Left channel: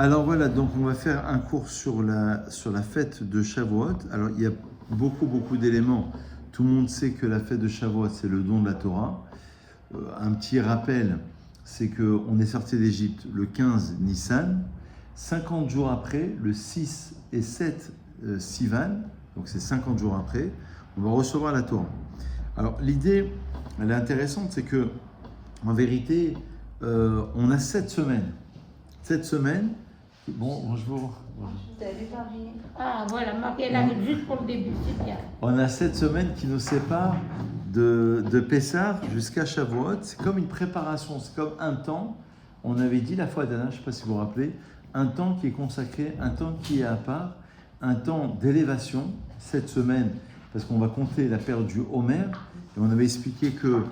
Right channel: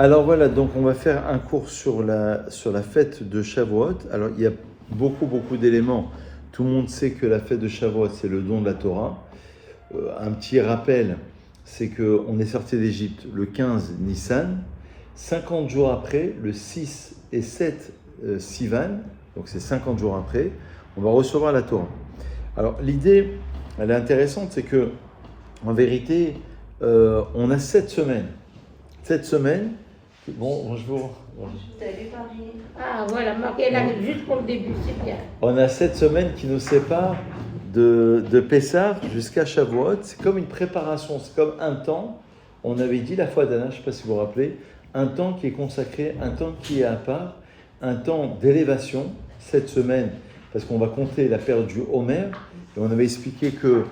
Alors voilà, donc on va faire un cours sur la fête de Shavuot. Alors il y a beaucoup d'éléments. Tout le monde sait que la fête de Shavuot, c'est le don de la Torah. Un petit rappel, c'est qu'on est sorti d'Égypte le 15 Nissan. 50 jours après, le 6 et 7 Sivan, donc c'est 50 jours après, on va recevoir la Torah. Alors l'idée, elle est intéressante, c'est que en vérité, on a 7 semaines. 7 semaines. Bonjour. Ah voilà, marqué là juste pour le début, c'est bien. On a 7 semaines qui nous séparent de Pessah jusqu'à Shavuot. C'est comme une préparation, c'est comme un temps. On avait dit la fois dernière, je ne sais pas si vous vous rappelez, un temps qui est consacré, un temps qui est à part, un temps d'élévation, 7 semaines, parce qu'on va compter la période du Homer. Et on avait expliqué que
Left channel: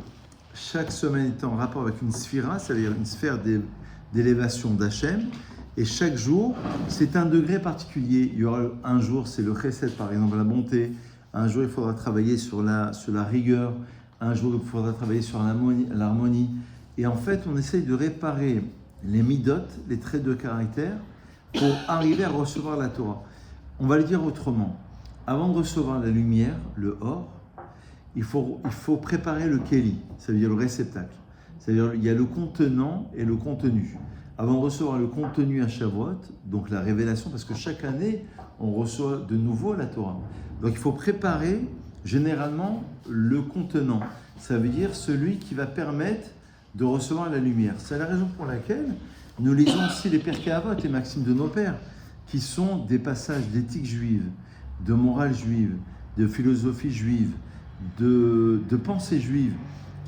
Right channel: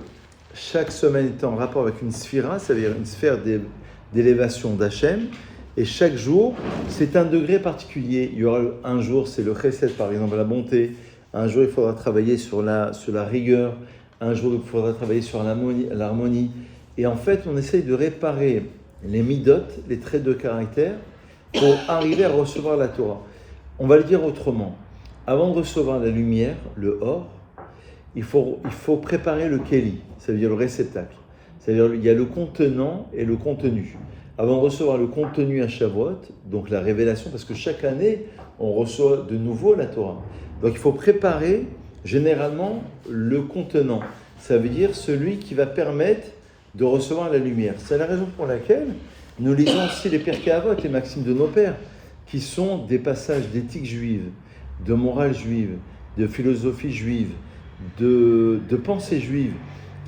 chaque semaine était en rapport avec une sphira, c'est-à-dire une sphère d'élévation d'Hachem. Et chaque jour, c'est un degré particulier. Il y aura un jour, c'est le chesed, par exemple, la bonté. Un jour, il faudra travailler sur la rigueur. Un jour, il faudra travailler sur l'harmonie. Et en fait, on essaye de réparer les midot, les traits de caractère, pour arriver à recevoir la Torah. On va le dire autrement. Avant de recevoir la lumière, le or, il faut préparer le keli, ça veut dire le réceptacle. C'est-à-dire il y a le contenant et le contenu. Avant de recevoir le contenu à Shavuot, donc la révélation, parce que chaque année, on reçoit de nouveau la Torah. Donc il faut préparer généralement le contenant. Ça veut dire celui qui va permettre de recevoir la lumière. C'est la raison pour laquelle nous lisons aussi les Pirkei Avot, les maximes de nos pères, qui sont des passages d'éthique juive, de morale juive, de philosophie juive, de pensée juive,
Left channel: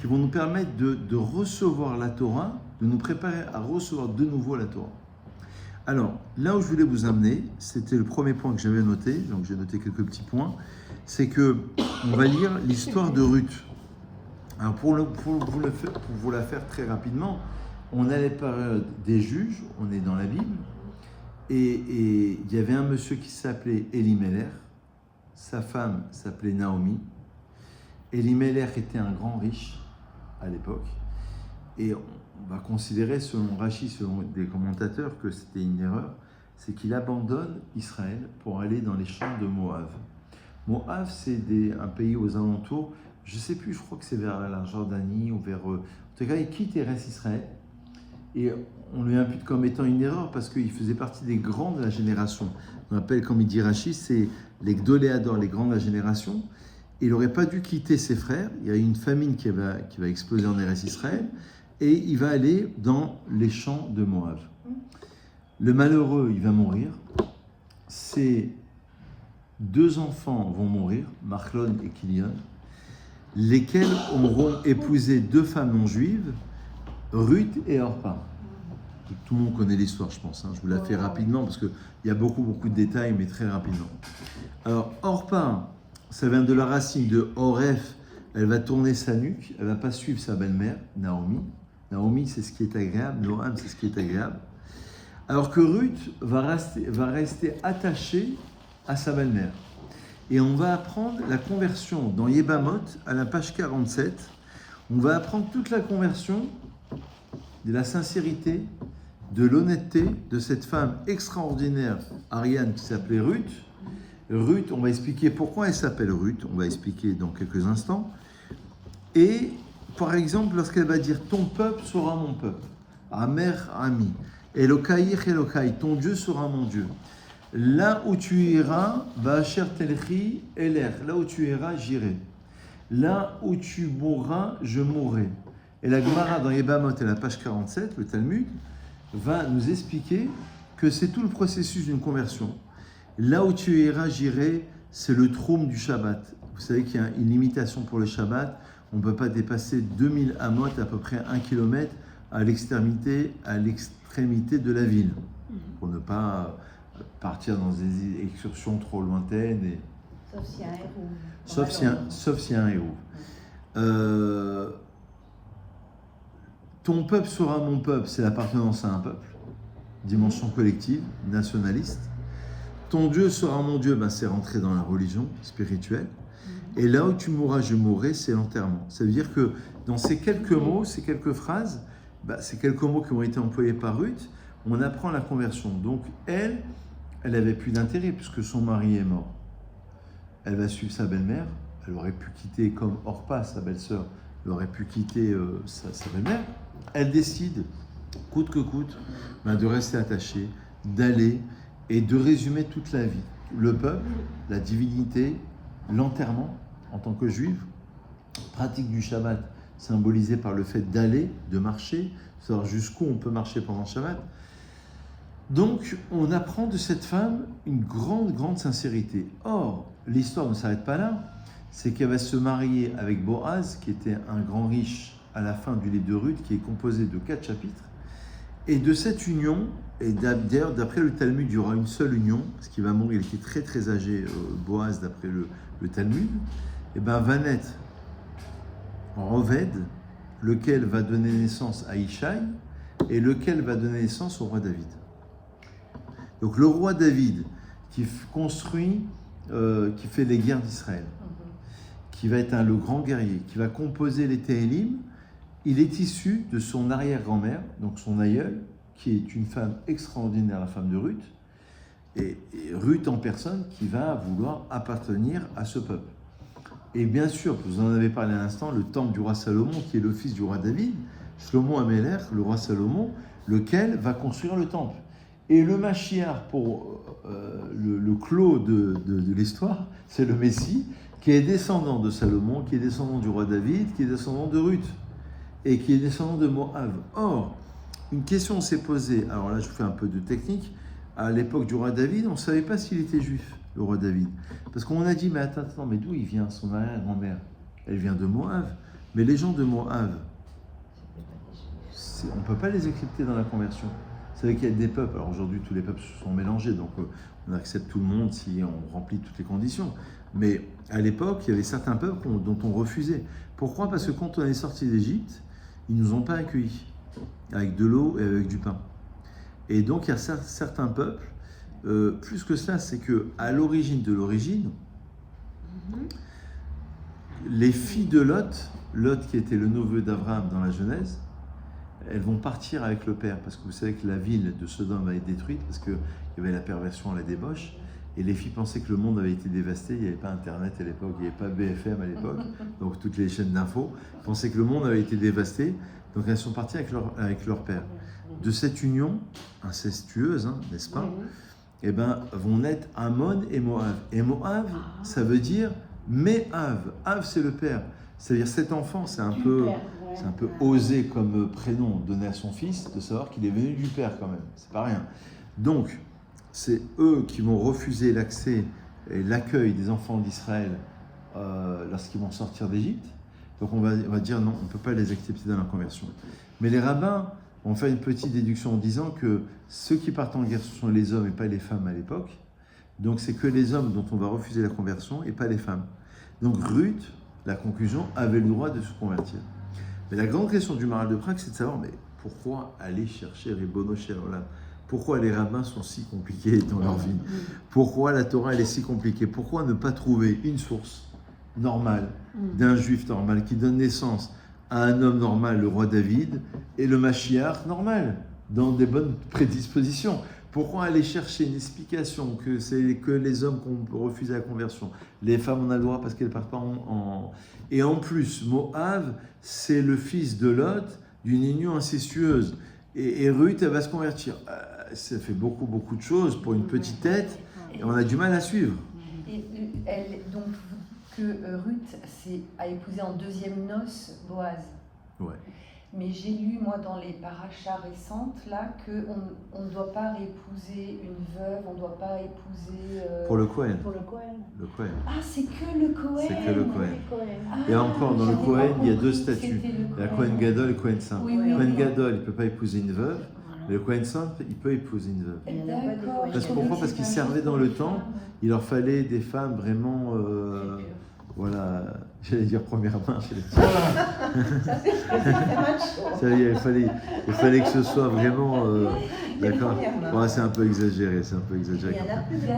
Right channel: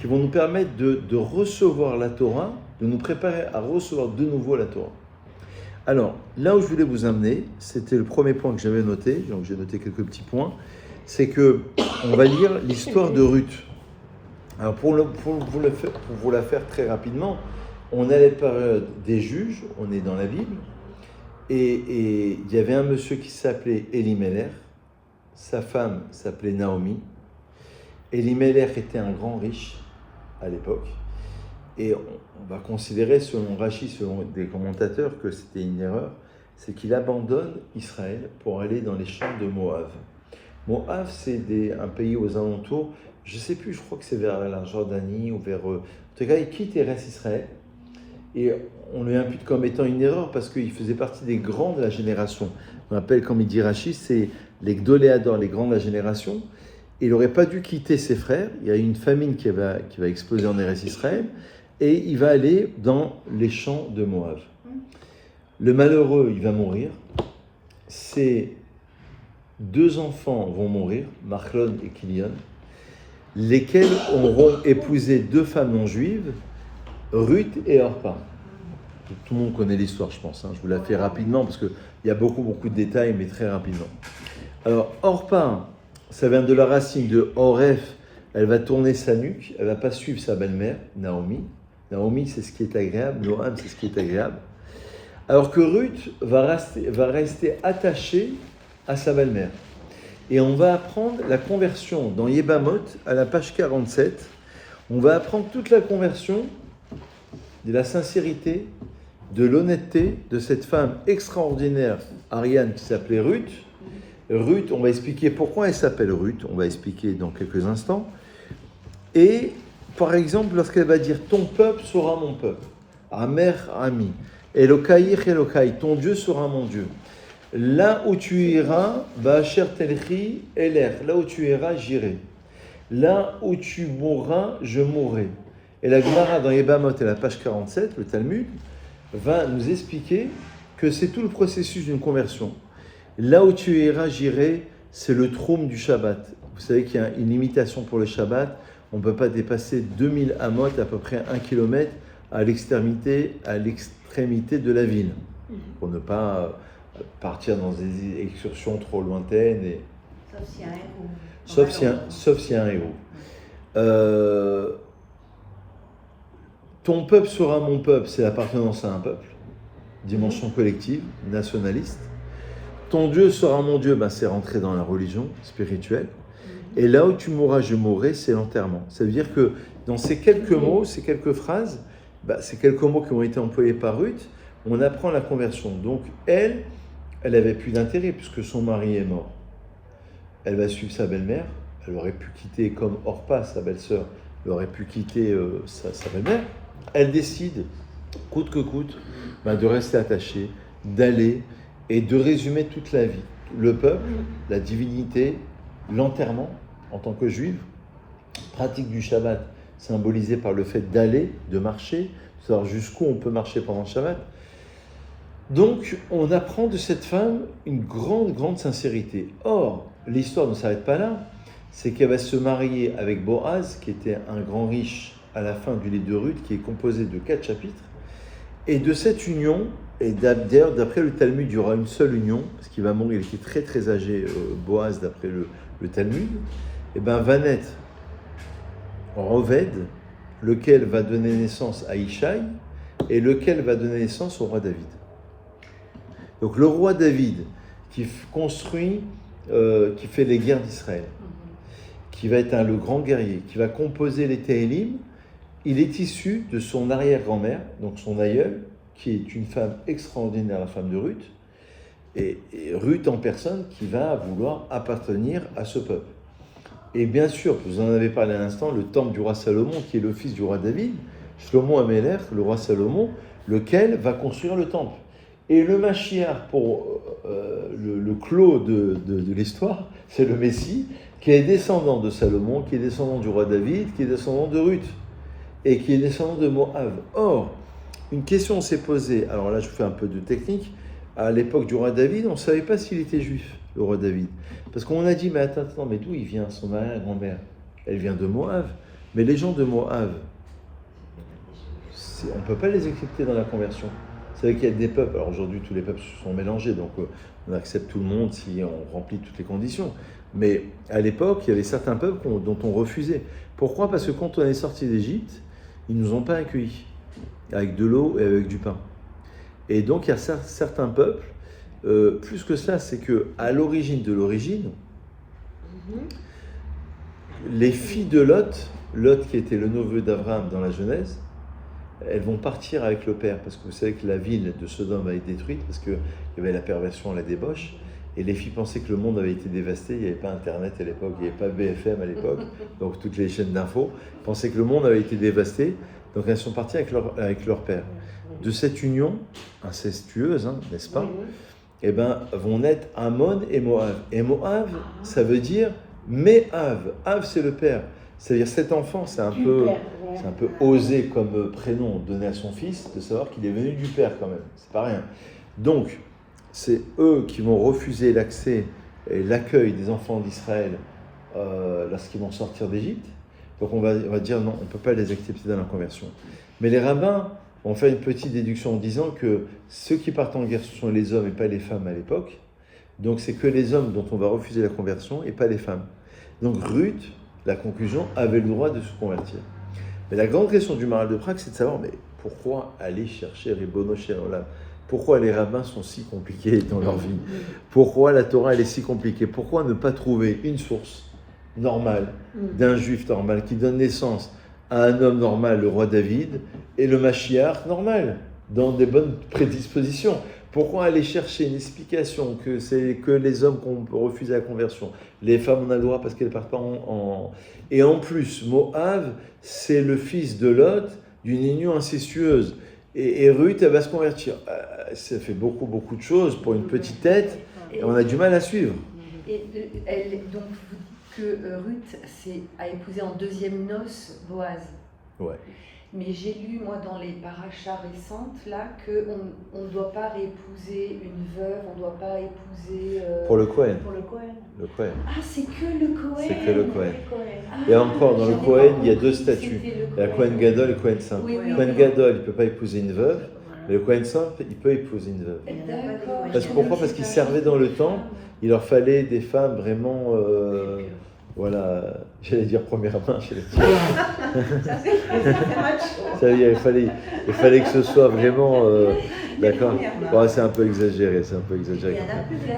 qui vont nous permettre de recevoir la Torah, de nous préparer à recevoir de nouveau la Torah. Alors, là où je voulais vous amener, c'était le premier point que j'avais noté, donc j'ai noté quelques petits points, c'est que on va lire l'histoire de Ruth. Alors, pour vous la faire très rapidement, on a les périodes des juges, on est dans la Bible, et il y avait un monsieur qui s'appelait Elimelech, sa femme s'appelait Naomi. Elimelech était un grand riche à l'époque, et on va considérer, selon Rashi, selon des commentateurs, que c'était une erreur, c'est qu'il abandonne Israël pour aller dans les champs de Moab. Moab, c'est un pays aux alentours, je ne sais plus, je crois que c'est vers la Jordanie, ou vers... en tout cas, il quitte et reste Israël, et on lui impute comme étant une erreur, parce qu'il faisait partie des grands de la génération. On appelle, comme il dit Rashi, c'est les Gdoléador, les grands de la génération. Il n'aurait pas dû quitter ses frères. Il y a une famine qui va exploser en Eretz Israël. Et il va aller dans les champs de Moab. Le malheureux, il va mourir. Ses 2 enfants vont mourir, Machlon et Kilion, lesquels auront épousé 2 femmes non juives, Ruth et Orpa. Tout le monde connaît l'histoire, je pense. Je vous la fais rapidement parce qu'il y a beaucoup de détails, mais très rapidement. Alors, Orpa, ça vient de la racine de Oref, elle va tourner sa nuque, elle ne va pas suivre sa belle-mère, Naomi. Naomi, c'est ce qui est agréable, Noam, c'est ce qui est agréable. Alors que Ruth va rester attachée à sa belle-mère. Et on va apprendre la conversion dans Yebamot, à la page 47. On va apprendre toute la conversion de la sincérité, de l'honnêteté de cette femme extraordinaire, Ariane, qui s'appelait Ruth. Ruth, on va expliquer pourquoi elle s'appelle Ruth, on va expliquer dans quelques instants. Et par exemple, lorsqu'elle va dire « ton peuple sera mon peuple »,« Amer Ami »,« Elokaïch Elokaï », « ton Dieu sera mon Dieu ». Là où tu iras, Ba'asher telchi eler, là où tu iras, j'irai. Là où tu mourras, je mourrai. Et la Gemara dans Yebamot et la page 47, le Talmud, va nous expliquer que c'est tout le processus d'une conversion. Là où tu iras, j'irai, c'est le troum du Shabbat. Vous savez qu'il y a une limitation pour le Shabbat. On ne peut pas dépasser 2000 amot, à peu près 1 km, à l'extrémité de la ville, pour ne pas partir dans des excursions trop lointaines. Et... Sauf si y a un héros. Ton peuple sera mon peuple, c'est l'appartenance à un peuple. Dimension collective, nationaliste. Ton Dieu sera mon Dieu, c'est rentrer dans la religion spirituelle. Et là où tu mourras, je mourrai, c'est l'enterrement. Ça veut dire que dans ces quelques mots, ces quelques phrases, ces quelques mots qui ont été employés par Ruth, on apprend la conversion. Donc elle avait plus d'intérêt puisque son mari est mort. Elle va suivre sa belle-mère. Elle aurait pu quitter, comme Orpa, sa belle-sœur, elle aurait pu quitter sa belle-mère. Elle décide, coûte que coûte, de rester attachée, d'aller et de résumer toute la vie. Le peuple, la divinité, l'enterrement en tant que juive, pratique du Shabbat symbolisée par le fait d'aller, de marcher, de savoir jusqu'où on peut marcher pendant le Shabbat. Donc, on apprend de cette femme une grande, grande sincérité. Or, l'histoire ne s'arrête pas là, c'est qu'elle va se marier avec Boaz, qui était un grand riche à la fin du livre de Ruth, qui est composé de 4 chapitres. Et de cette union, et d'ailleurs, d'après le Talmud, il y aura une seule union, parce qu'il va mourir, il était très très âgé, Boaz, d'après le Talmud, et va naître Roved, lequel va donner naissance à Ishaï, et lequel va donner naissance au roi David. Donc le roi David, qui construit, qui fait les guerres d'Israël, qui va être le grand guerrier, qui va composer les Téhélim, il est issu de son arrière-grand-mère, donc son aïeul, qui est une femme extraordinaire, la femme de Ruth, et Ruth en personne qui va vouloir appartenir à ce peuple. Et bien sûr, vous en avez parlé à l'instant, le temple du roi Salomon, qui est le fils du roi David, Shlomo Améler, le roi Salomon, lequel va construire le temple. Et le Mashiach, pour le clos de l'histoire, c'est le Messie, qui est descendant de Salomon, qui est descendant du roi David, qui est descendant de Ruth, et qui est descendant de Moab. Or, une question s'est posée, alors là je vous fais un peu de technique, à l'époque du roi David, on ne savait pas s'il était juif, le roi David. Parce qu'on a dit, mais attends, mais d'où il vient, son arrière-grand-mère? Elle vient de Moab. Mais les gens de Moab, on ne peut pas les accepter dans la conversion. Vous savez qu'il y a des peuples, alors aujourd'hui tous les peuples se sont mélangés, donc on accepte tout le monde si on remplit toutes les conditions. Mais à l'époque, il y avait certains peuples dont on refusait. Pourquoi? Parce que quand on est sorti d'Égypte, ils ne nous ont pas accueillis, avec de l'eau et avec du pain. Et donc il y a certains peuples, plus que ça, c'est qu'à l'origine de l'origine, les filles de Lot qui était le neveu d'Abraham dans la Genèse, elles vont partir avec le père, parce que vous savez que la ville de Sodome a été détruite, parce qu'il y avait la perversion, la débauche, et les filles pensaient que le monde avait été dévasté, il n'y avait pas Internet à l'époque, il n'y avait pas BFM à l'époque, donc toutes les chaînes d'infos, pensaient que le monde avait été dévasté, donc elles sont parties avec leur père. De cette union incestueuse, n'est-ce pas, vont naître Ammon et Moab. Et Moab, ça veut dire Méhav. Av, c'est le père. C'est-à-dire cet enfant, c'est un peu osé comme prénom donné à son fils, de savoir qu'il est venu du père quand même. C'est pas rien. Donc, c'est eux qui vont refuser l'accès et l'accueil des enfants d'Israël lorsqu'ils vont sortir d'Égypte. Donc on va dire non, on ne peut pas les accepter dans la conversion. Mais les rabbins vont faire une petite déduction en disant que ceux qui partent en guerre, ce sont les hommes et pas les femmes à l'époque. Donc c'est que les hommes dont on va refuser la conversion et pas les femmes. Donc Ruth, la conclusion, avait le droit de se convertir. Mais la grande question du Maharal de Prague, c'est de savoir, mais pourquoi aller chercher Ribono Shel Olam? Pourquoi les rabbins sont si compliqués dans leur vie? Pourquoi la Torah elle est si compliquée? Pourquoi ne pas trouver une source normale d'un juif normal qui donne naissance à un homme normal, le roi David, et le Mashiach normal, dans des bonnes prédispositions? Pourquoi aller chercher une explication que c'est que les hommes qu'on peut refuser la conversion, les femmes on a le droit parce qu'elles ne partent pas en... Et en plus, Moab, c'est le fils de Lot d'une union incestueuse. Et Ruth, elle va se convertir. Ça fait beaucoup, beaucoup de choses pour une petite tête, et on a du mal à suivre. Et donc, que Ruth a épousé en deuxième noces Boaz. Ouais. Mais j'ai lu, moi, dans les parachas récentes, là, qu'on ne doit pas épouser une veuve, on ne doit pas épouser... Pour le Kohen. Pour le Kohen. Le Kohen. Ah, c'est que le Kohen. C'est que le Kohen. Ah, Et encore, dans le Kohen, il y a deux statuts. Il y a Kohen Gadol et Kohen Simple. Oui, Kohen Gadol, il ne peut pas épouser une veuve, mais le Kohen Simple, il peut épouser une veuve. D'accord. Pourquoi? Parce qu'ils servaient dans le temple, il leur fallait des femmes vraiment... voilà, j'allais dire première main, il fallait que ce soit vraiment, d'accord. Bon, c'est un peu exagéré, quand même.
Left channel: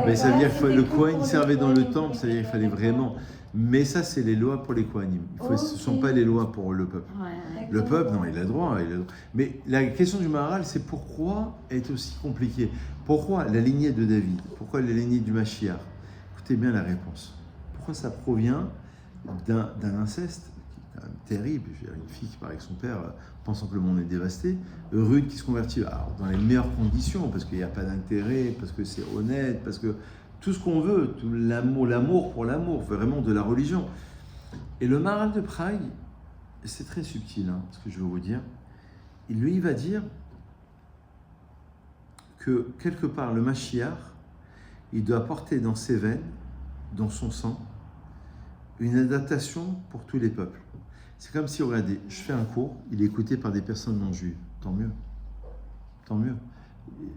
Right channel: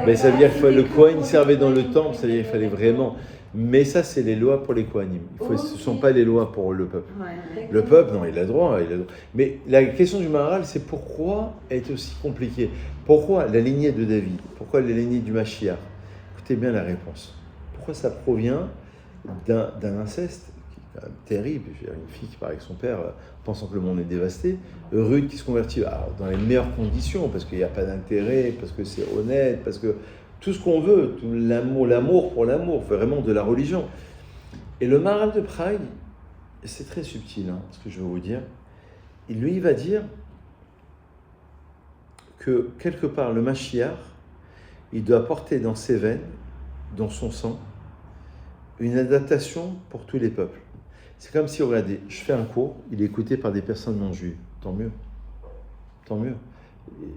Mais ça veut dire que le Kohen servait dans le temple, c'est-à-dire qu'il fallait vraiment, Mais ça, c'est les lois pour les Kohanim. Ce ne sont pas les lois pour le peuple. Ouais. Le peuple, non, il a droit, il a droit. Mais la question du Maharal, c'est pourquoi elle est aussi compliquée? Pourquoi la lignée de David? Pourquoi la lignée du Mashiach? Écoutez bien la réponse. Pourquoi ça provient d'un inceste qui est quand même terrible? Je veux dire, une fille qui part avec son père, pensant que le monde est dévasté. Ruth qui se convertit dans les meilleures conditions, parce qu'il n'y a pas d'intérêt, parce que c'est honnête, parce que tout ce qu'on veut, tout l'amour pour l'amour, vraiment de la religion. Et le Maharal de Prague, c'est très subtil, ce que je veux vous dire. Il va dire que quelque part, le Mashiach, il doit porter dans ses veines, dans son sang, une adaptation pour tous les peuples. C'est comme si, regardez, je fais un cours, il est écouté par des personnes non juives. Tant mieux. Tant mieux.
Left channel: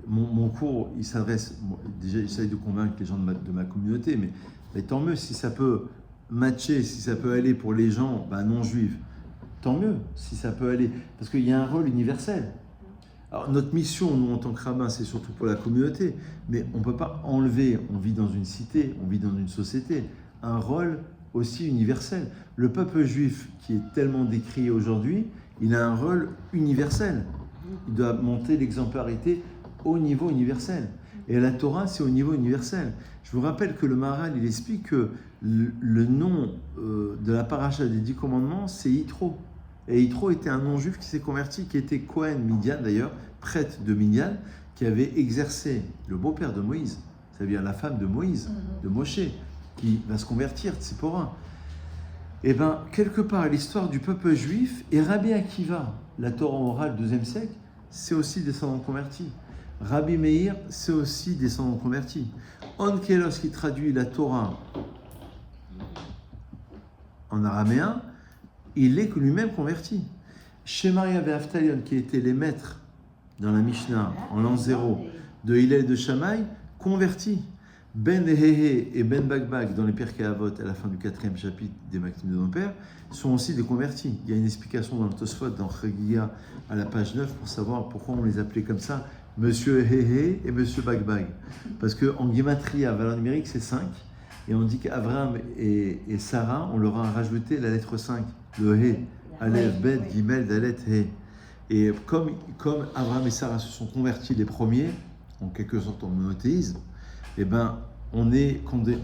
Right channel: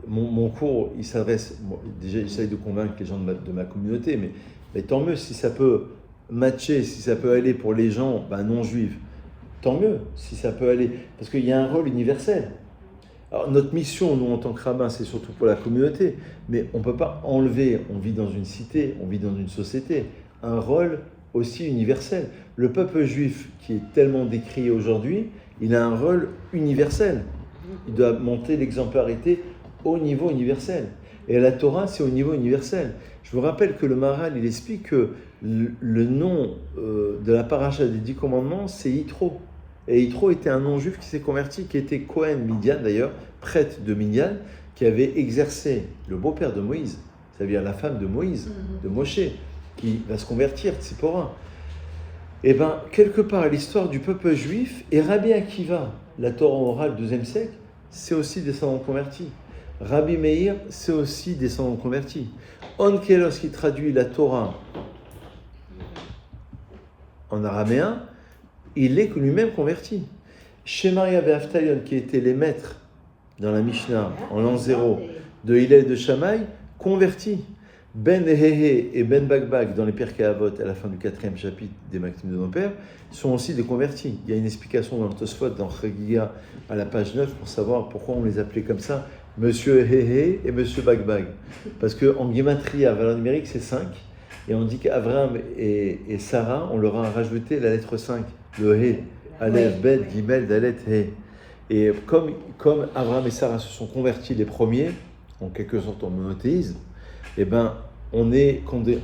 Mon cours, il s'adresse, déjà, j'essaye de convaincre les gens de ma communauté, mais tant mieux si ça peut matcher, si ça peut aller pour les gens non juifs. Tant mieux si ça peut aller, parce qu'il y a un rôle universel. Alors, notre mission, nous, en tant que rabbins, c'est surtout pour la communauté, mais on ne peut pas enlever, on vit dans une cité, on vit dans une société, un rôle aussi universel. Le peuple juif, qui est tellement décrié aujourd'hui, il a un rôle universel. Il doit monter l'exemplarité au niveau universel. Et la Torah, c'est au niveau universel. Je vous rappelle que le Maharal, il explique que le nom de la paracha des 10 commandements, c'est Yitro. Et Yitro était un non-juif qui s'est converti, qui était Cohen Midian d'ailleurs, prêtre de Midian, qui avait exercé le beau-père de Moïse, c'est-à-dire la femme de Moïse, de Moshe, qui va se convertir, Tzipora. Et bien, quelque part, l'histoire du peuple juif, et Rabbi Akiva, la Torah orale, 2e siècle, c'est aussi descendant converti. Rabbi Meir, c'est aussi descendant converti. Onkelos, qui traduit la Torah en araméen, il est lui-même converti. Shemaria et Avtalion, qui étaient les maîtres dans la Mishnah, en l'an 0, de Hillel et de Shammai, convertis. Ben Hehe et Ben Bagbag, dans les Pirkei Avot, à la fin du 4e chapitre des Maximes de nos pères, sont aussi des convertis. Il y a une explication dans le Tosfot, dans Chagiga, à la page 9, pour savoir pourquoi on les appelait comme ça, Monsieur Hehe et Monsieur Bagbag. Parce qu'en Gematria, valeur numérique, c'est 5, et on dit qu'Abraham et Sarah, on leur a rajouté la lettre 5, le He, Aleph, Bet, Gimel, Dalet, He. Et comme Abraham et Sarah se sont convertis les premiers, en quelque sorte en monothéisme, eh ben, quand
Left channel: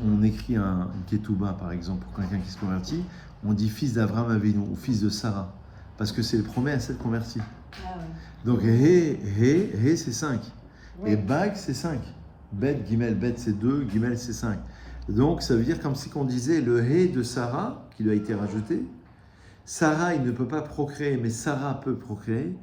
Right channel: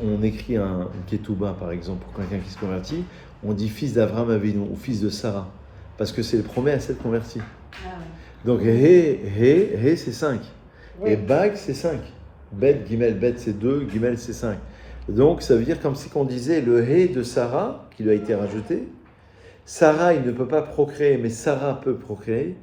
on écrit une ketouba, par exemple, pour quelqu'un qui se convertit, on dit fils d'Abraham Avinu ou fils de Sarah, parce que c'est le premier à s'être converti. Donc, He, c'est 5. Et Bag, c'est 5. Bet, Gimel, Bet, c'est 2, Gimel, c'est 5. Donc, ça veut dire comme si on disait le He de Sarah, qui lui a été rajouté. Sarah, il ne peut pas procréer, mais Sarah peut procréer.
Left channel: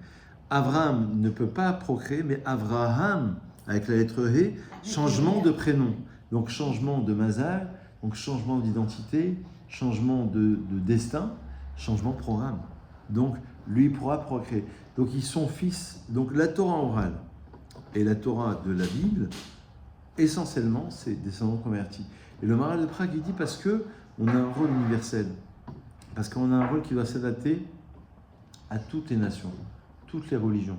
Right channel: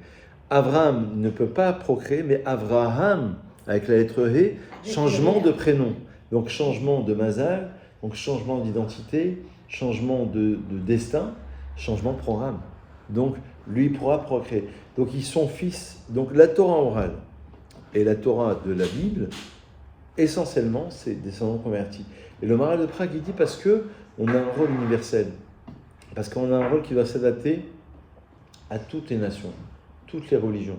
Abraham ne peut pas procréer, mais Avraham, avec la lettre He, changement de prénom. Donc, changement de mazal, donc changement d'identité, changement de destin, changement de programme. Donc, lui pourra procréer. Donc, ils sont fils. Donc, la Torah orale et la Torah de la Bible, essentiellement, c'est descendants convertis. Et le Maharal de Prague, il dit parce qu'on a un rôle universel. Parce qu'on a un rôle qui doit s'adapter à toutes les nations, toutes les religions.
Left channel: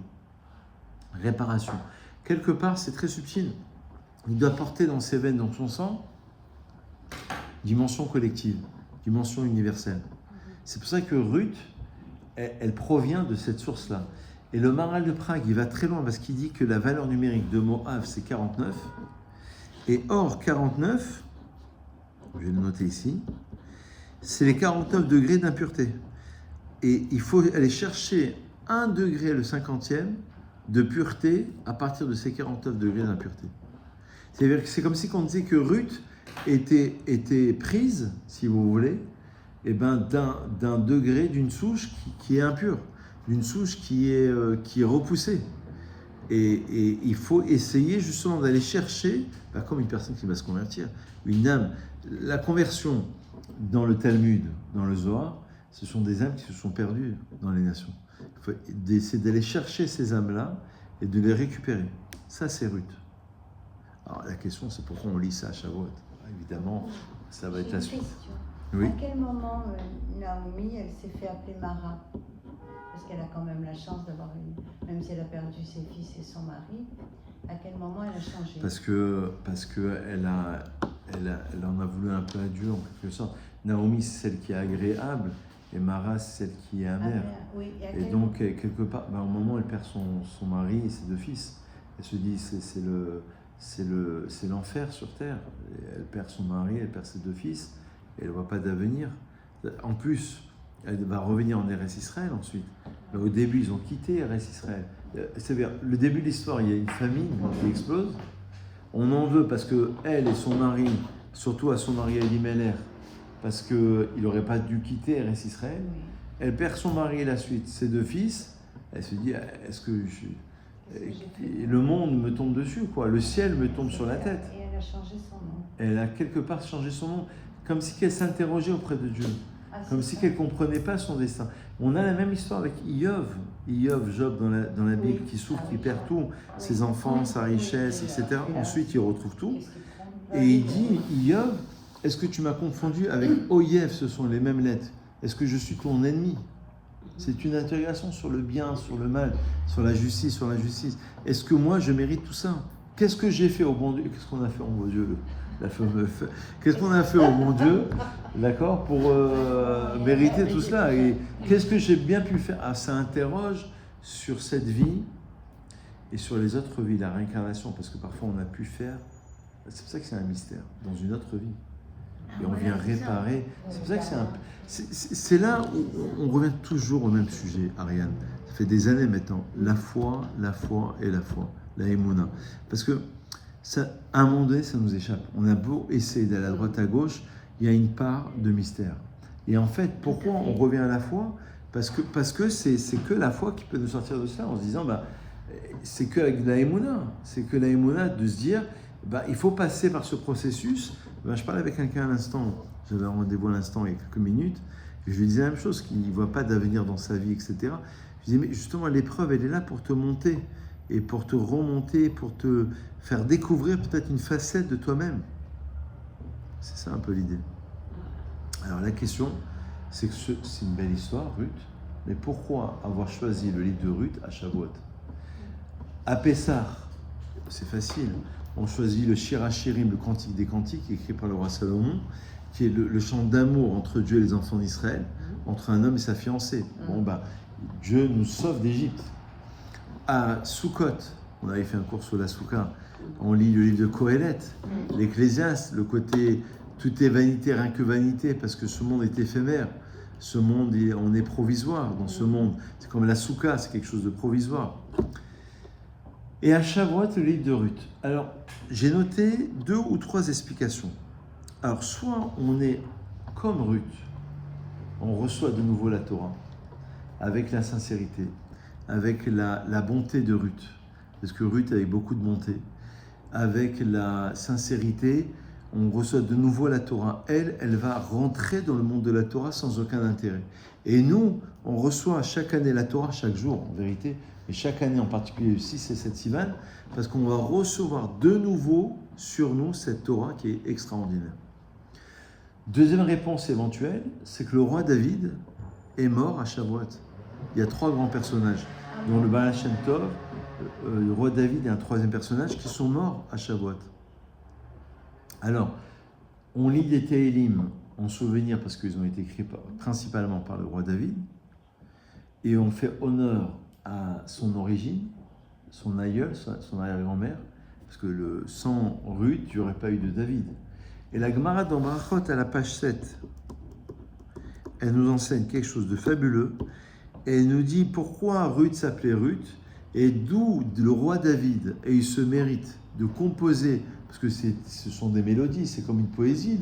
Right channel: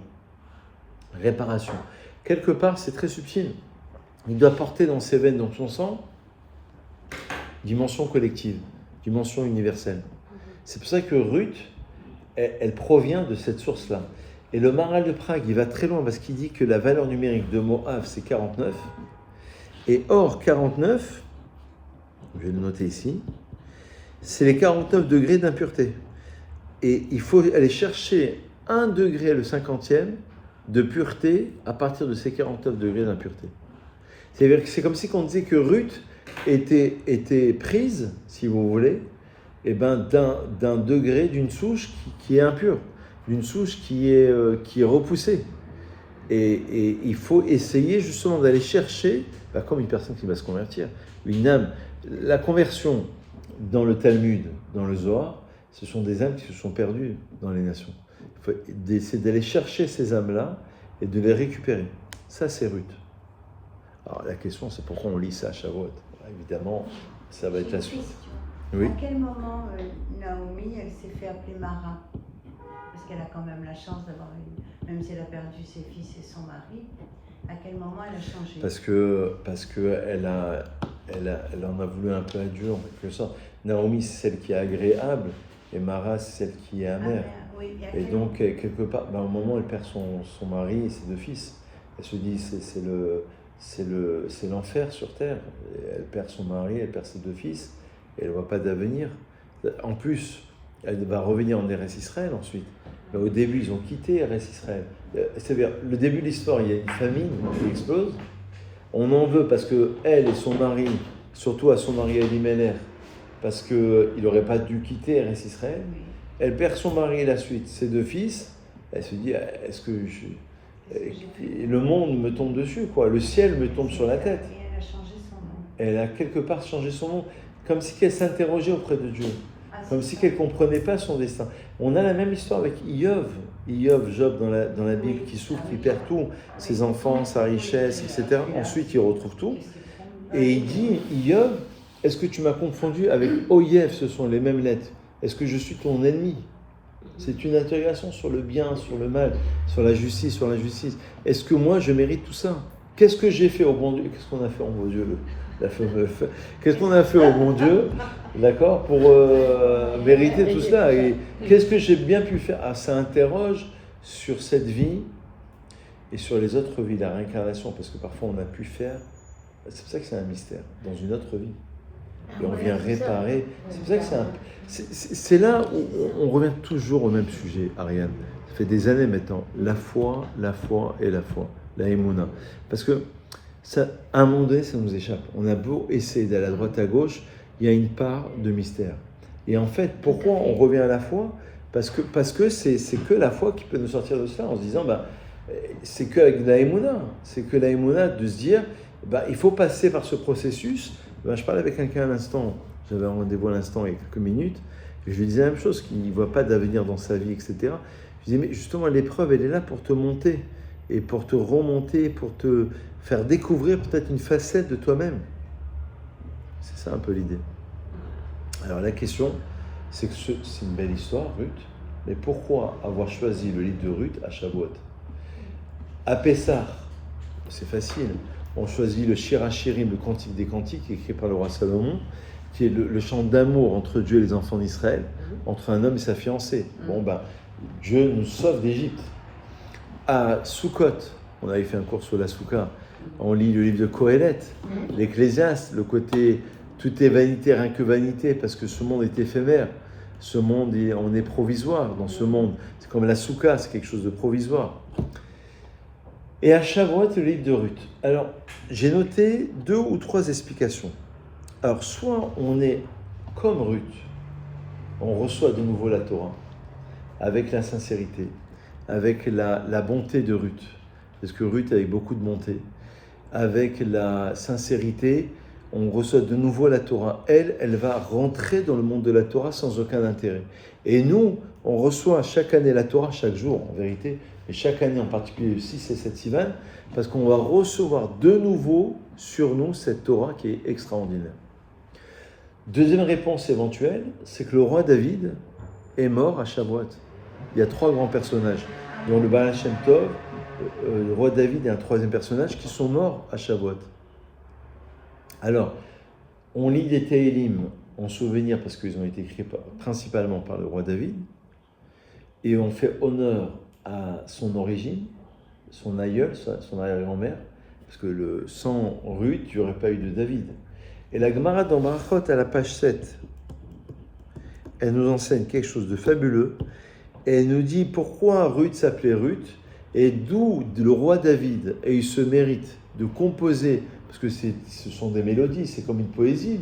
Réparation. Quelque part, c'est très subtil. Il doit porter dans ses veines, dans son sang, dimension collective, dimension universelle. C'est pour ça que Ruth, elle provient de cette source-là. Et le Maharal de Prague, il va très loin parce qu'il dit que la valeur numérique de Moav, c'est 49. Et or, 49, je vais le noter ici, c'est les 49 degrés d'impureté. Et il faut aller chercher 1 degré, le 50e, de pureté à partir de ces 49 degrés d'impureté. C'est-à-dire que c'est comme si on disait que Ruth était prise, si vous voulez, eh ben, d'un degré, d'une souche qui est impure, d'une souche qui est repoussée. Et il faut essayer justement d'aller chercher, comme une personne qui va se convertir, une âme. La conversion dans le Talmud, dans le Zohar, ce sont des âmes qui se sont perdues dans les nations. Il faut essayer d'aller chercher ces âmes-là et de les récupérer. Ça, c'est Ruth. Alors la question, c'est pourquoi on lit ça à Shavuot. Évidemment, ça va être la suite. Oui. À quel moment Naomi, elle s'est fait appeler Mara? Parce qu'elle a quand même la chance d'avoir même si elle a perdu ses fils et son mari, à quel moment elle a changé? Parce que elle en a voulu un peu à Dieu en quelque sorte. Naomi, c'est celle qui est agréable, et Mara, c'est celle qui est amère. Oui, Et donc, quelque part, au moment où elle perd son mari et ses 2 fils, elle se dit, c'est l'enfer sur terre. Et elle perd son mari, elle perd ses 2 fils, et elle ne voit pas d'avenir. En plus, elle va revenir en Eretz Israël ensuite. Mais au début, ils ont quitté Eretz Israël. C'est-à-dire, le début de l'histoire, il y a une famine qui explose. On en veut parce que elle et son mari, surtout à son mari Elimelech, parce qu'il n'aurait pas dû quitter Eretz Israël. Elle perd son mari et la suite, ses 2 fils. Elle se dit, est-ce que le monde me tombe dessus, quoi. Le ciel me tombe sur la tête. Et elle a changé son nom. Elle a quelque part changé son nom, comme si elle s'interrogeait auprès de Dieu, comme si elle ne comprenait pas son destin. On a la même histoire avec Job, Job dans la Bible, qui souffre, qui perd tout, ses enfants, sa richesse, etc. Ensuite, il retrouve tout. Et il dit, Job, est-ce que tu m'as confondu avec Oyev, ce sont les mêmes lettres. Est-ce que je suis ton ennemi? C'est une interrogation sur le bien, sur le mal, sur la justice, sur l'injustice. Est-ce que moi, je mérite tout ça? Qu'est-ce que j'ai fait au bon Dieu? Qu'est-ce qu'on a fait au bon Dieu, qu'est-ce qu'on a fait au bon Dieu, d'accord, pour mériter tout cela? Et qu'est-ce que j'ai bien pu faire? Ça interroge sur cette vie et sur les autres vies, la réincarnation, parce que parfois on a pu faire, c'est pour ça que c'est un mystère, dans une autre vie. Et on vient réparer. C'est pour ça que c'est là où on revient toujours au même sujet, Ariane. Ça fait des années maintenant. La foi et la foi. La émouna. Parce que, à un moment donné, ça nous échappe. On a beau essayer d'aller à droite, à gauche, il y a une part de mystère. Et en fait, pourquoi on revient à la foi? Parce que c'est que la foi qui peut nous sortir de cela, en se disant, c'est que avec la émouna. C'est que la émouna de se dire, il faut passer par ce processus. Je parlais avec quelqu'un à l'instant, j'avais un rendez-vous à l'instant il y a quelques minutes, et je lui disais la même chose, qu'il ne voit pas d'avenir dans sa vie, etc. Je lui disais, mais justement, l'épreuve, elle est là pour te monter, et pour te remonter, pour te faire découvrir peut-être une facette de toi-même. C'est ça un peu l'idée. Alors la question, c'est que c'est une belle histoire, Ruth, mais pourquoi avoir choisi le livre de Ruth à Shavuot? À Pessah, c'est facile. On choisit le Shir HaShirim, le Cantique des Cantiques, écrit par le roi Salomon, qui est le chant d'amour entre Dieu et les enfants d'Israël, entre un homme et sa fiancée. Dieu nous sauve d'Égypte. À Sukkot, on avait fait un cours sur la Soukha, on lit le livre de Kohelet, l'Ecclésiaste, le côté tout est vanité, rien que vanité, parce que ce monde est éphémère. Ce monde, on est provisoire dans ce monde. C'est comme la Soukha, c'est quelque chose de provisoire. Et à Shavuot, le livre de Ruth. Alors, j'ai noté 2 ou 3 explications. Alors, soit on est comme Ruth, on reçoit de nouveau la Torah, avec la sincérité, avec la bonté de Ruth, parce que Ruth avec beaucoup de bonté, avec la sincérité, on reçoit de nouveau la Torah. Elle va rentrer dans le monde de la Torah sans aucun intérêt. Et nous, on reçoit chaque année la Torah, chaque jour, en vérité, et chaque année, en particulier le 6 et 7 Sivan, parce qu'on va recevoir de nouveau sur nous cette Torah qui est extraordinaire. Deuxième réponse éventuelle, c'est que le roi David est mort à Shavuot. Il y a 3 grands personnages, dont le Baal Shem Tov, le roi David et un 3e personnage, qui sont morts à Shavuot. Alors, on lit des Tehillim en souvenir, parce qu'ils ont été écrits principalement par le roi David, et on fait honneur à son origine, son aïeul, son arrière-grand-mère, parce que sans Ruth, il n'y aurait pas eu de David. Et la Gemara dans Brachot, à la page 7, elle nous enseigne quelque chose de fabuleux, et elle nous dit pourquoi Ruth s'appelait Ruth, et d'où le roi David a eu ce mérite de composer, parce que ce sont des mélodies, c'est comme une poésie,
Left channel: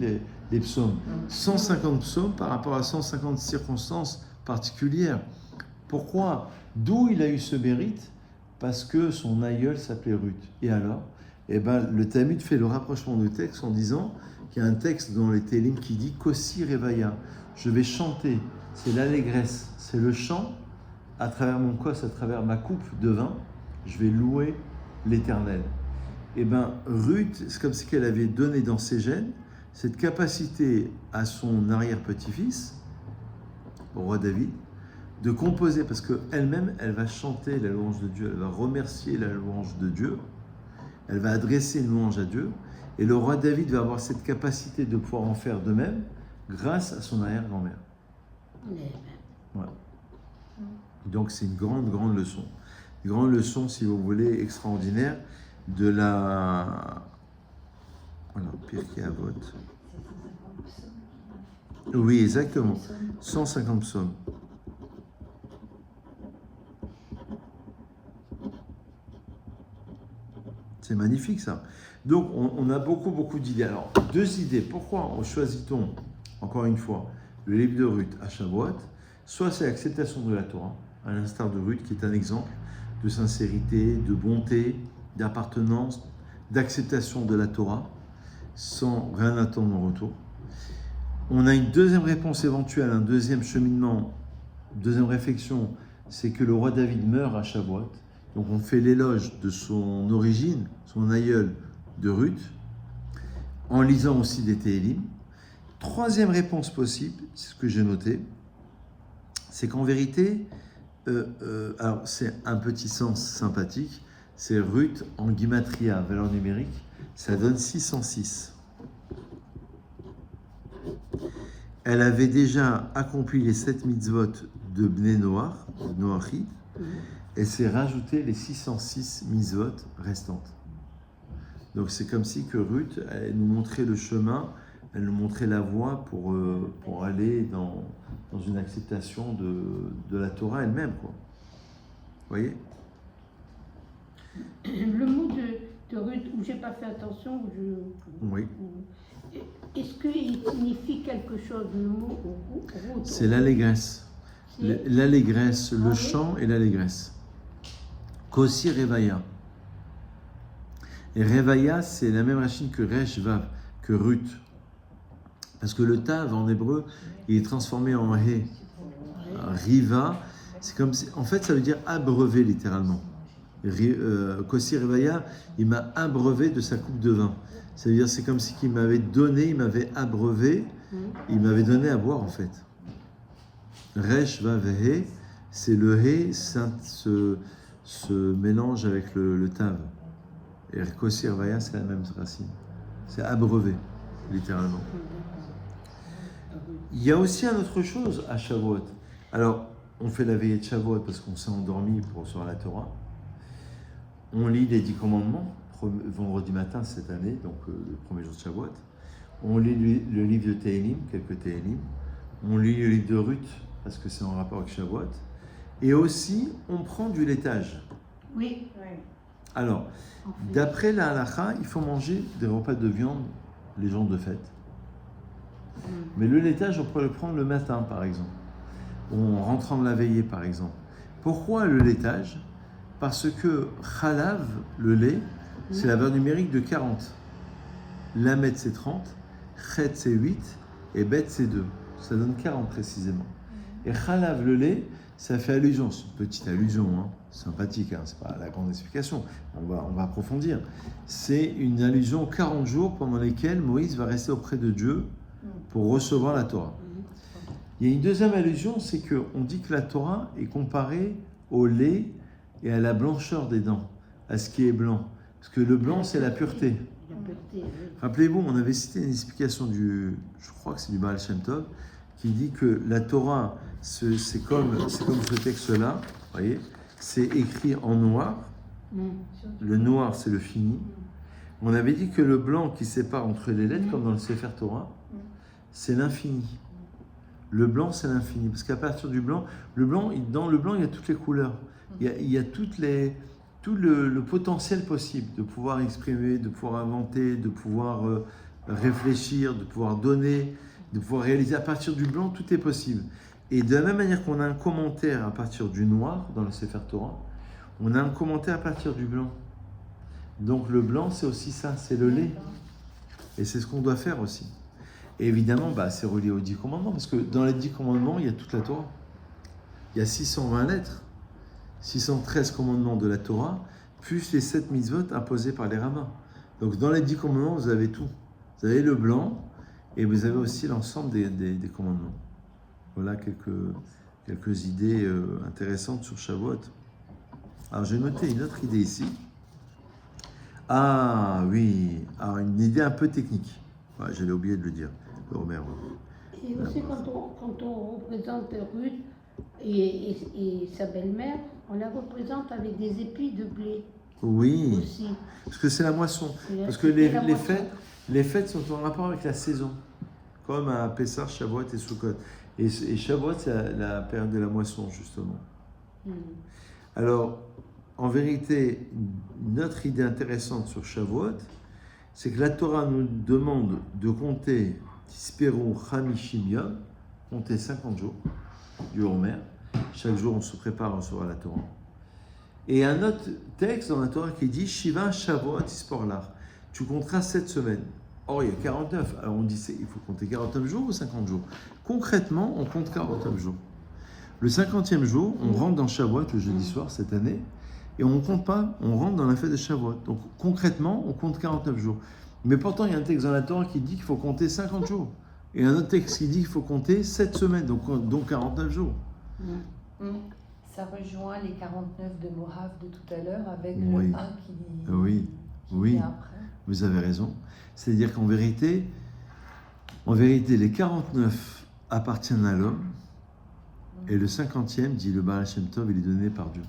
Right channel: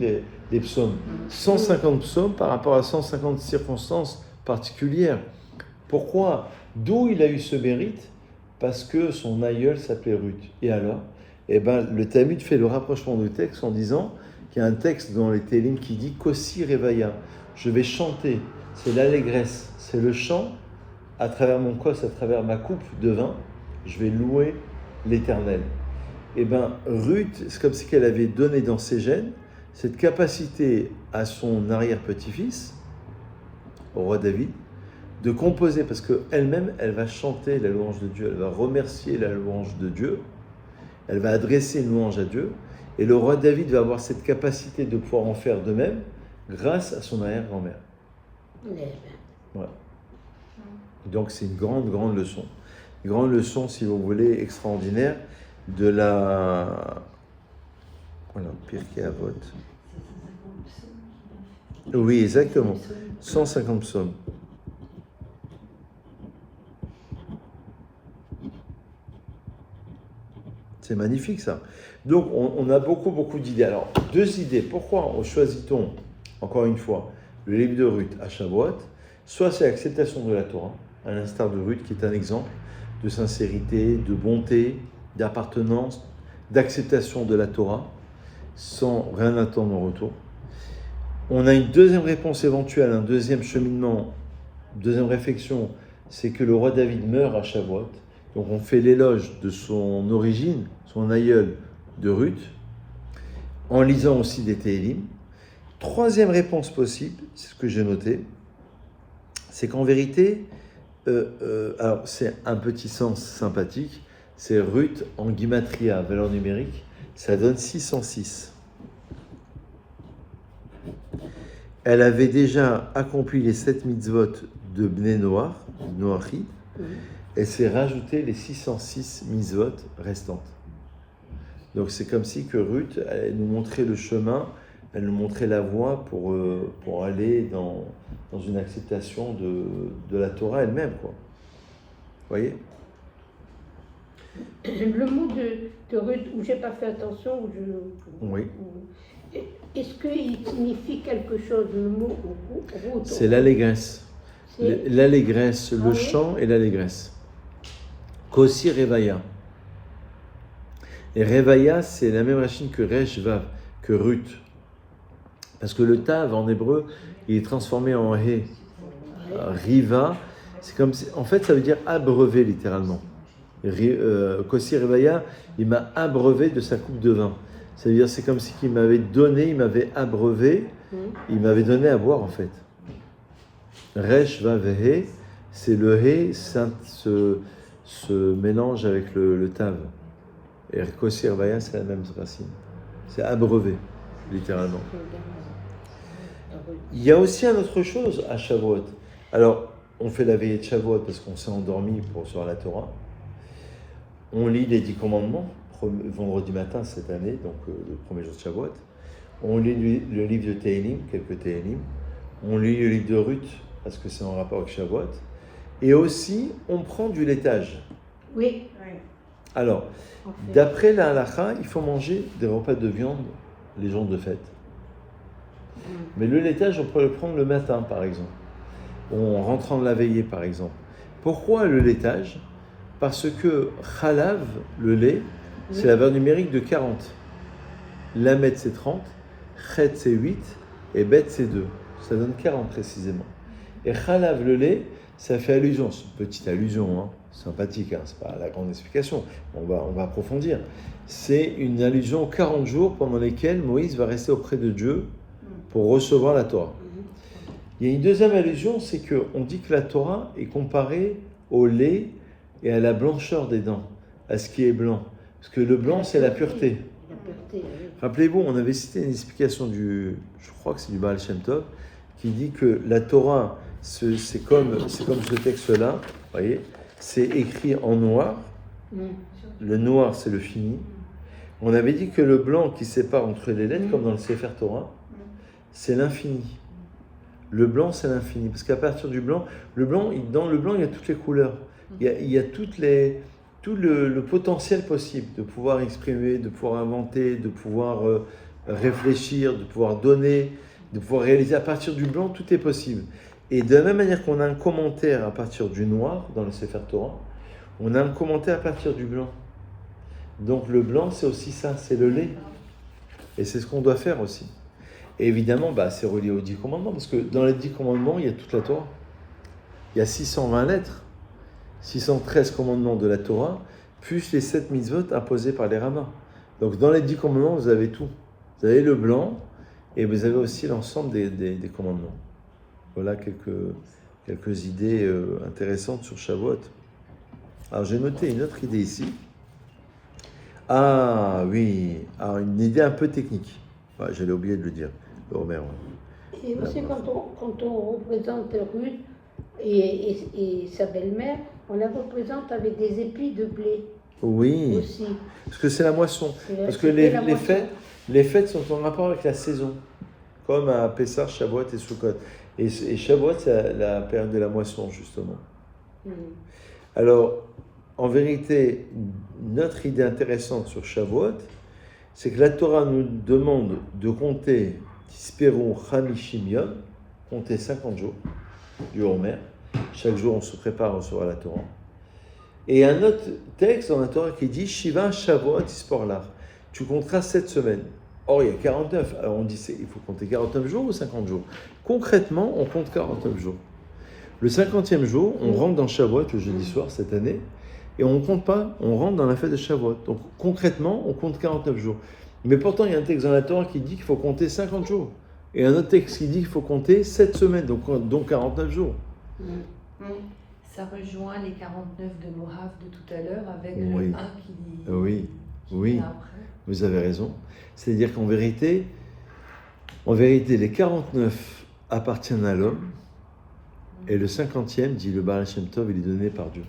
les psaumes. 150 psaumes par rapport à 150 circonstances particulières. Pourquoi? D'où il a eu ce mérite? Parce que son aïeul s'appelait Ruth. Et alors, le Talmud fait le rapprochement du texte en disant qu'il y a un texte dans les Tehillim qui dit « Kossi Revaya ». Je vais chanter, c'est l'allégresse, c'est le chant à travers mon kos, à travers ma coupe de vin, je vais louer l'Éternel. Ruth, c'est comme si qu'elle avait donné dans ses gènes cette capacité à son arrière-petit-fils, au roi David, de composer, parce qu'elle-même, elle va chanter la louange de Dieu, elle va remercier la louange de Dieu, elle va adresser une louange à Dieu, et le roi David va avoir cette capacité de pouvoir en faire de même, grâce à son arrière-grand-mère. Eh ben, Voilà. Donc c'est une grande, grande leçon. Une grande leçon, si vous voulez, extraordinaire de la... Voilà, Pirkei Avot. Oui, exactement. 150 psaumes. C'est magnifique ça. Donc on a beaucoup, beaucoup d'idées. Alors, 2 idées. Pourquoi choisit-on, encore une fois, le livre de Ruth à Shavuot? Soit c'est l'acceptation de la Torah, à l'instar de Ruth, qui est un exemple de sincérité, de bonté, d'appartenance, d'acceptation de la Torah, sans rien attendre en retour. On a une deuxième réponse éventuelle, un deuxième cheminement, deuxième réflexion, c'est que le roi David meurt à Shavuot. Donc on fait l'éloge de son origine, son aïeul de Ruth, en lisant aussi des Télim. Troisième réponse possible, c'est ce que j'ai noté, c'est qu'en vérité, alors c'est un petit sens sympathique, c'est Ruth en Gimatria, valeur numérique, ça donne 606. Elle avait déjà accompli les 7 mitzvot de Bnei Noach, Noachid, et s'est rajouté les 606 mitzvot restantes. Donc c'est comme si que Ruth, elle nous montrait le chemin, elle nous montrait la voie pour aller dans une acceptation de la Torah elle-même, quoi. Vous voyez? le mot de Ruth, où j'ai pas fait attention, Oui. Est-ce qu'il signifie quelque chose, le mot Ruth? C'est l'allégresse. C'est- L'allégresse, le oui. chant et l'allégresse. Kossi Revaya. Et Revaya, c'est la même racine que Resh Vav, que Ruth. Parce que le Tav en hébreu, il est transformé en He. Riva, c'est comme si, en fait, ça veut dire abreuver littéralement. Kossi Revaya, il m'a abreuvé de sa coupe de vin. Ça veut dire, c'est comme si il m'avait donné, il m'avait abreuvé, il m'avait donné à boire en fait. Resh Vav He, c'est le He, se mélange avec le Tav. Et Kossi Revaya, c'est la même racine. C'est abreuvé, littéralement. Il y a aussi une autre chose à Shavuot. Alors, on fait la veillée de Shavuot parce qu'on s'est endormi pour recevoir la Torah. On lit les 10 commandements, vendredi matin cette année, donc le premier jour de Shavuot. On lit le livre de Télim, quelques Télim. On lit le livre de Ruth, parce que c'est en rapport avec Shavuot. Et aussi, on prend du laitage. Oui. Alors, en fait. d'après la halakha, il faut manger des repas de viande les jours de fête. Mais le laitage, on peut le prendre le matin, par exemple. Ou en rentrant de la veillée, par exemple. Pourquoi le laitage? Parce que Khalav, le lait, c'est la valeur numérique de 40. Lamet, c'est 30. Chet, c'est 8. Et Bet, c'est 2. Ça donne 40 précisément. Et Khalav, le lait, ça fait allusion. C'est une petite allusion, hein, sympathique, hein, c'est pas la grande explication. On va approfondir. C'est une allusion aux 40 jours pendant lesquels Moïse va rester auprès de Dieu pour recevoir la Torah. Il y a une deuxième allusion, c'est qu'on dit que la Torah est comparée au lait et à la blancheur des dents, à ce qui est blanc. Parce que le blanc, c'est la pureté. La pureté, oui. Rappelez-vous, on avait cité une explication je crois que c'est du Baal Shem Tov, qui dit que la Torah, c'est comme ce texte-là, vous voyez, c'est écrit en noir. Le noir, c'est le fini. On avait dit que le blanc qui sépare entre les lettres, comme dans le Sefer Torah, c'est l'infini. Le blanc, c'est l'infini. Parce qu'à partir du blanc, dans le blanc, il y a toutes les couleurs. Il y a tout le potentiel possible de pouvoir exprimer, de pouvoir inventer, de pouvoir réfléchir, de pouvoir donner, de pouvoir réaliser. À partir du blanc, tout est possible. Et de la même manière qu'on a un commentaire à partir du noir, dans le Sefer Torah, on a un commentaire à partir du blanc. Donc le blanc, c'est aussi ça, c'est le lait. Et c'est ce qu'on doit faire aussi. Et évidemment, c'est relié aux 10 commandements, parce que dans les 10 commandements, il y a toute la Torah. Il y a 620 lettres, 613 commandements de la Torah, plus les 7 mitzvot imposés par les rabbins. Donc dans les 10 commandements, vous avez tout. Vous avez le blanc, et vous avez aussi l'ensemble des commandements. Voilà quelques idées intéressantes sur Shavuot. Alors j'ai noté une autre idée ici. Ah oui, alors une idée un peu technique. Ouais, j'allais oublier de le dire, le Homer. Ouais. Et aussi quand on représente Ruth et sa belle-mère, on la représente avec des épis de blé Oui, aussi. parce que c'est la moisson. Parce que C'était la moisson. les fêtes sont en rapport avec la saison, comme à Pessah, Shavuot et Sukkot. Et Shavuot, c'est la période de la moisson, justement. Mm. Alors, en vérité, notre idée intéressante sur Shavuot, c'est que la Torah nous demande de compter Tisperu Chamishim Yom, compter 50 jours du Homer. Chaque jour, on se prépare à recevoir la Torah. Et un autre texte dans la Torah qui dit Shiva Shavuot Tisporlar. Tu compteras 7 semaines. Or, il y a 49. Alors, on dit il faut compter 49 jours ou 50 jours. Concrètement, on compte 49 jours. Le 50e jour, on rentre dans Shavuot le jeudi soir cette année. Et on ne compte pas, on rentre dans la fête de Shavuot. Donc concrètement, on compte 49 jours. Mais pourtant, il y a un texte dans la Torah qui dit qu'il faut compter 50 jours. Et un autre texte qui dit qu'il faut compter 7 semaines, donc 49 jours. Ça rejoint les 49 de Morav de tout à l'heure avec Oui. le 1 qui dit. Oui, qui oui, vient après. vous avez raison. C'est-à-dire qu'en vérité, les 49 appartiennent à l'homme. Et le 50e, dit le Baal Shem Tov, il est donné par Dieu.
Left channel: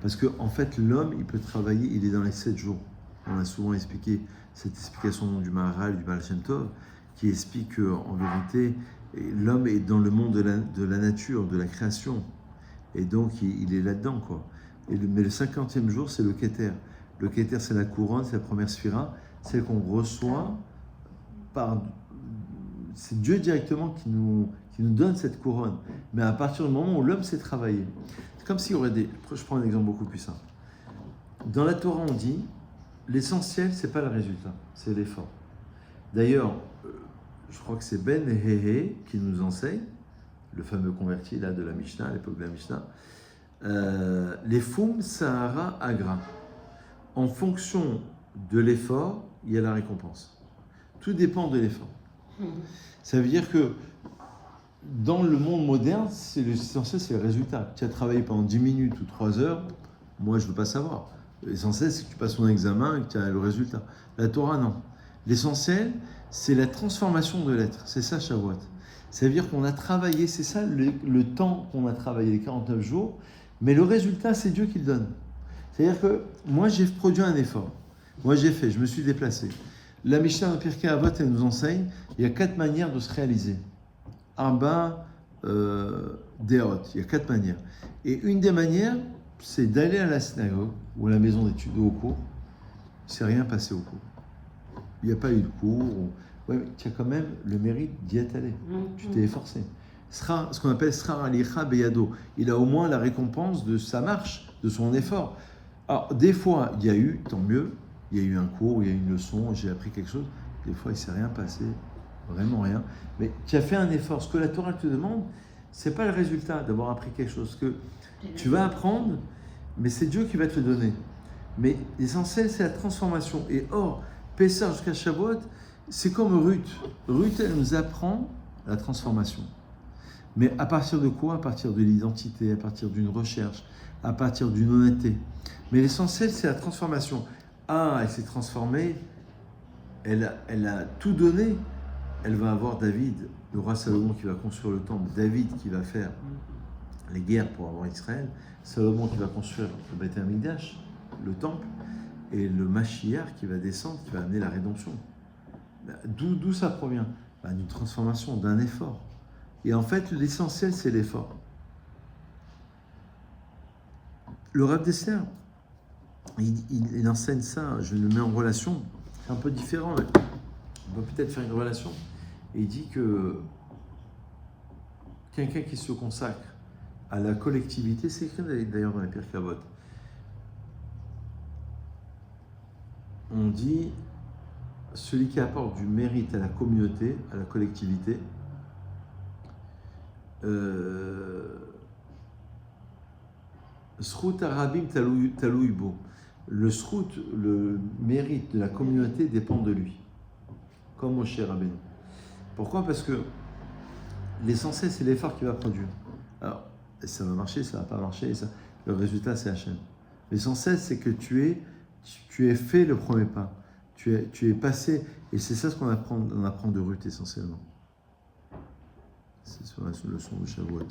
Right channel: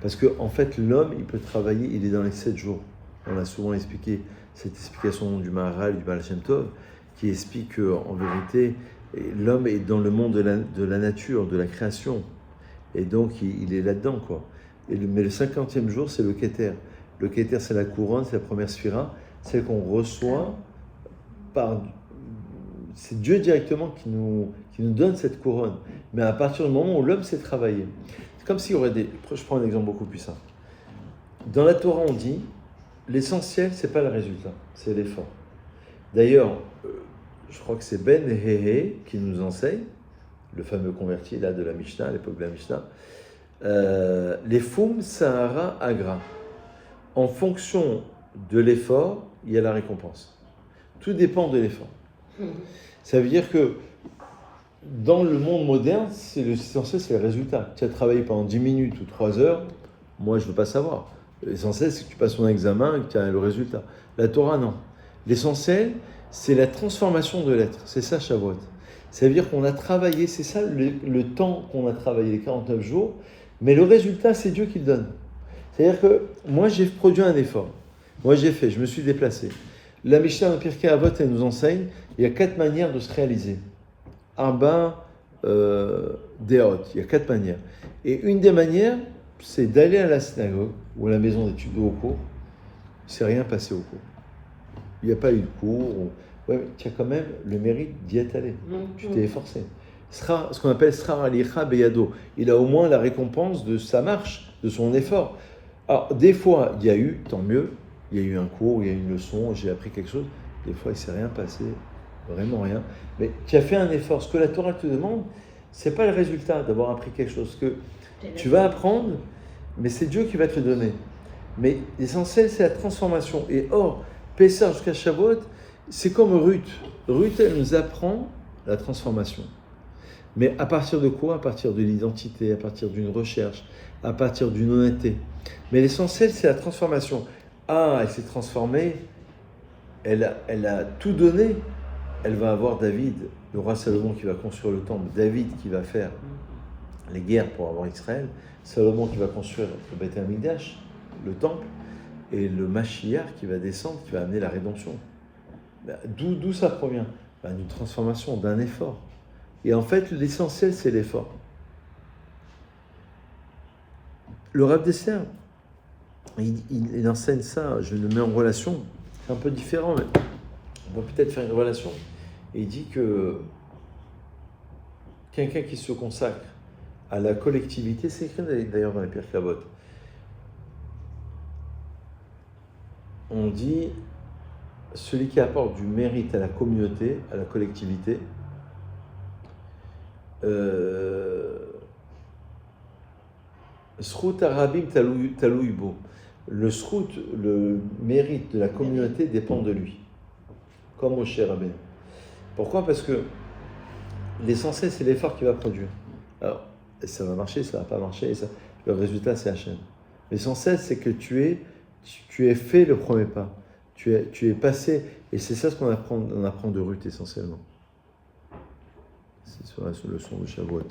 Parce qu'en fait, l'homme, il peut travailler, il est dans les 7 jours. On a souvent expliqué cette explication du Maharal, du Baal Shem Tov, qui explique qu'en vérité, l'homme est dans le monde de la nature, de la création. Et donc, il est là-dedans, quoi. Mais le 50e jour, c'est le Keter. Le Keter, c'est la couronne, c'est la première sphira, celle qu'on reçoit par... C'est Dieu directement qui nous donne cette couronne. Mais à partir du moment où l'homme sait travailler. C'est comme s'il y aurait Je prends un exemple beaucoup plus simple. Dans la Torah, on dit, l'essentiel, c'est pas le résultat, c'est l'effort. D'ailleurs, je crois que c'est Ben Hehe qui nous enseigne, le fameux converti là de la Mishnah, à l'époque de la Mishnah, les Fum Sahara Agra. En fonction de l'effort, il y a la récompense. Tout dépend de l'effort. Ça veut dire que dans le monde moderne, l'essentiel, c'est le résultat. Tu as travaillé pendant 10 minutes ou 3 heures, moi, je ne veux pas savoir. L'essentiel, c'est que tu passes ton examen et que tu as le résultat. La Torah, non. L'essentiel, c'est la transformation de l'être. C'est ça, Shavuot. Ça veut dire qu'on a travaillé, c'est ça le temps qu'on a travaillé, les 49 jours, mais le résultat, c'est Dieu qui le donne. C'est-à-dire que moi, j'ai produit un effort. Moi, je me suis déplacé. La Mishnah dans Pirkei Avot, elle nous enseigne, il y a 4 manières de se réaliser. Arba Deot, il y a 4 manières. Et une des manières, c'est d'aller à la synagogue ou à la maison d'études ou au cours. Il ne s'est rien passé au cours. Il n'y a pas eu de cours. Ouais, mais tu as quand même le mérite d'y être allé. Tu t'es efforcé. Ce qu'on appelle Srar Alicha Beyado. Il a au moins la récompense de sa marche, de son effort. Alors, des fois, il y a eu, tant mieux, il y a eu un cours, il y a eu une leçon, j'ai appris quelque chose. Des fois, il ne s'est rien passé, vraiment rien. Mais tu as fait un effort. Ce que la Torah te demande, ce n'est pas le résultat d'avoir appris quelque chose. Que tu vas apprendre, mais c'est Dieu qui va te le donner. Mais l'essentiel, c'est la transformation. Et or, Pessah jusqu'à Shavuot, c'est comme Ruth. Ruth, elle nous apprend la transformation. Mais à partir de quoi? À partir de l'identité, à partir d'une recherche, à partir d'une honnêteté. Mais l'essentiel, c'est la transformation. Ah, elle s'est transformée, elle a tout donné. Elle va avoir David, le roi Salomon qui va construire le temple, David qui va faire les guerres pour avoir Israël, Salomon qui va construire le Beth Amikdash, le temple, et le Mashiach qui va descendre, qui va amener la rédemption. D'où ça provient? D'une transformation, d'un effort. Et en fait, l'essentiel, c'est l'effort. Le Rav Dessler, il enseigne ça, je le mets en relation, c'est un peu différent, mais on peut peut-être faire une relation. Et il dit que quelqu'un qui se consacre à la collectivité, c'est écrit d'ailleurs dans les Pirkei Avot, on dit celui qui apporte du mérite à la communauté, à la collectivité, Srout Arabim Taloui Bo. Le srout, le mérite de la communauté dépend de lui, comme Moshe Rabbeinu. Pourquoi? Parce que l'essentiel, c'est l'effort qu'il va produire. Alors, ça va marcher, ça va pas marcher, le résultat, c'est Hachem. L'essentiel, c'est que tu aies fait le premier pas. Tu es passé, et c'est ça ce qu'on apprend de Ruth essentiellement. C'est sur la leçon de Shavuot.